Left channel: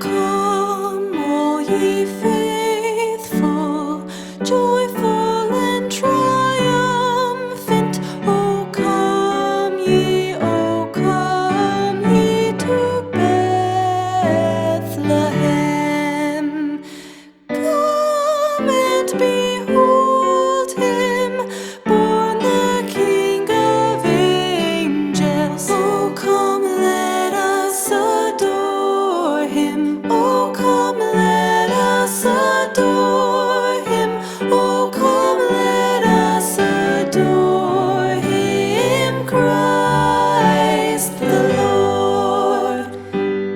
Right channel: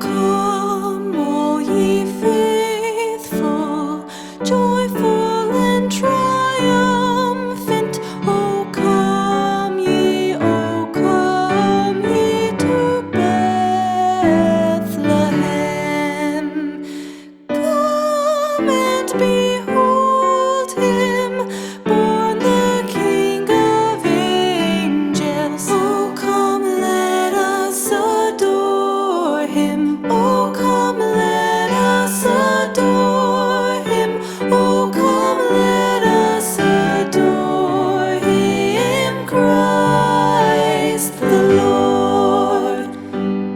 come, all ye faithful, joyful and triumphant. O come ye to Bethlehem. Come and behold him, born the King of angels. Oh, come, let us adore him. Oh, come, let us adore him. Oh, come, let us adore him, Christ the Lord.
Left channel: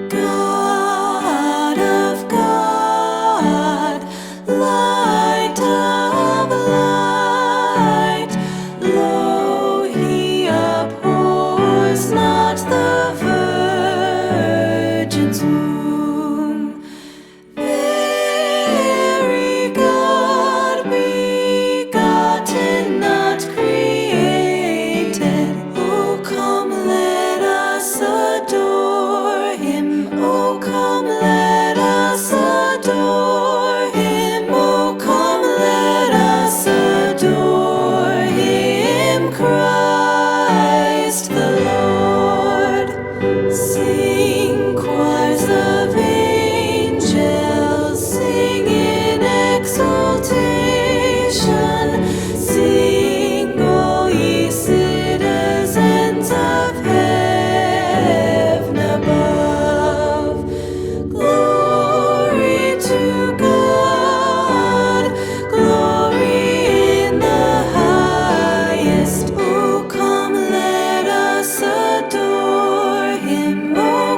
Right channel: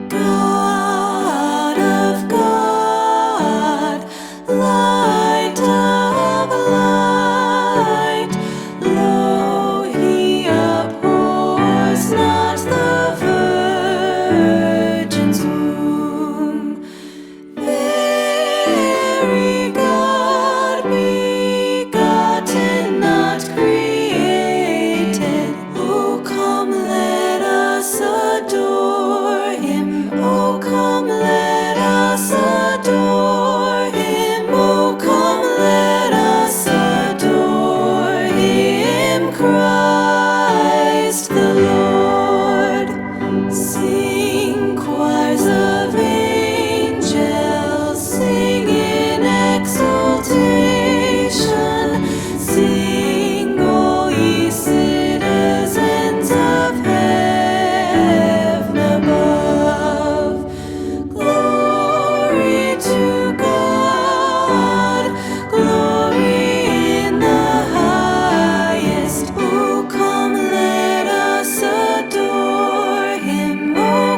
God of God, light of light, lo, he abhors not the virgin's womb. Very God begotten, not created. Oh, come, let us adore him. Oh, come, let us adore him. Oh, come, let us adore him, Christ the Lord. Sing, choirs of angels, sing in exultation. Sing, all ye citizens of heaven above. Glory to God, glory in the highest. Oh, come, let us adore him. Oh,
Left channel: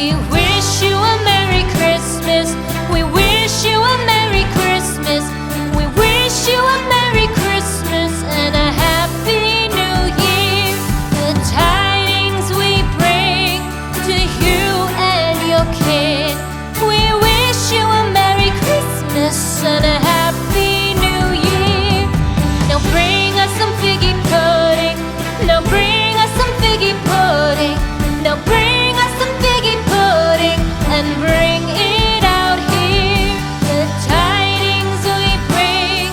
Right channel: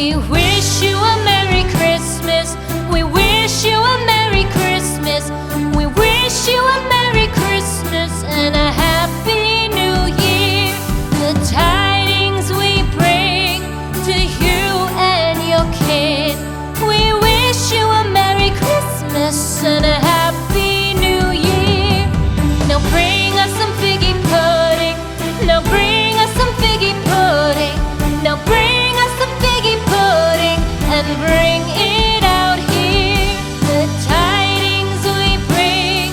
We wish you a Merry Christmas. We wish you a Merry Christmas. We wish you a Merry Christmas and a Happy New Year. The tidings we bring to you and your kin. We wish you a Merry Christmas and a Happy New Year. Now bring us some figgy pudding. Now bring us some figgy pudding. Now bring us some figgy pudding and bring it out here. The tidings we bring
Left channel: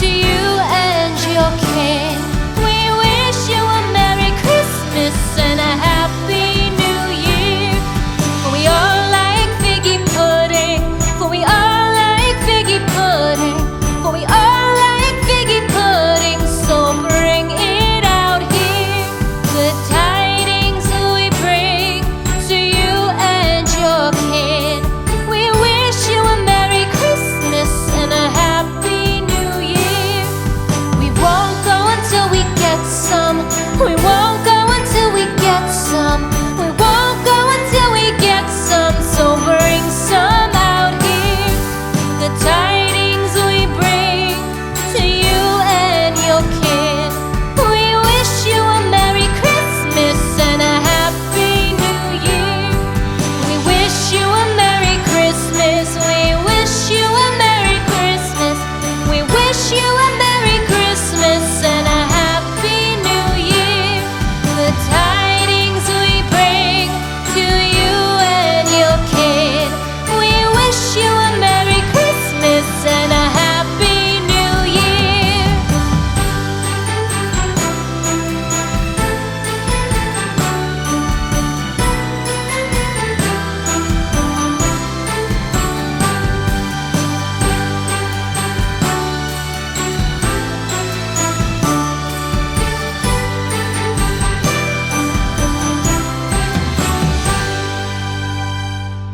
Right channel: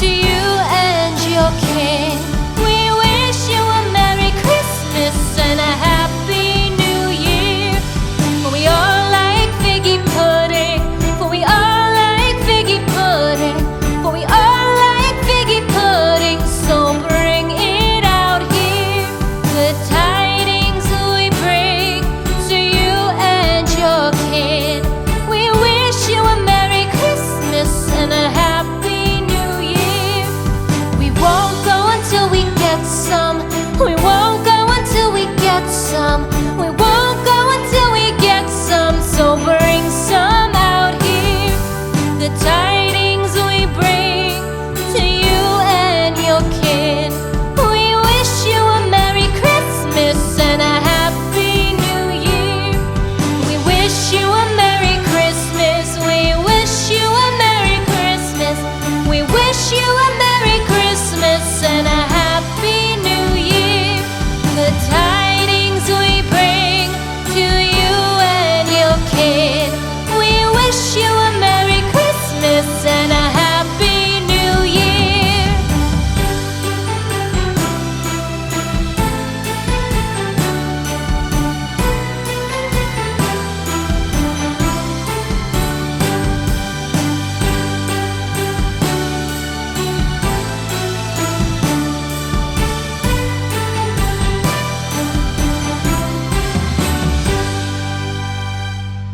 to you and your kin. We wish you a Merry Christmas and a Happy New Year. For we all like figgy pudding. For we all like figgy pudding. For we all like figgy pudding. So bring it out here. The tidings we bring to you and your kin. We wish you a Merry Christmas and a Happy New Year. We won't go until we get some. We won't go until we get some. We won't go until we get some. So bring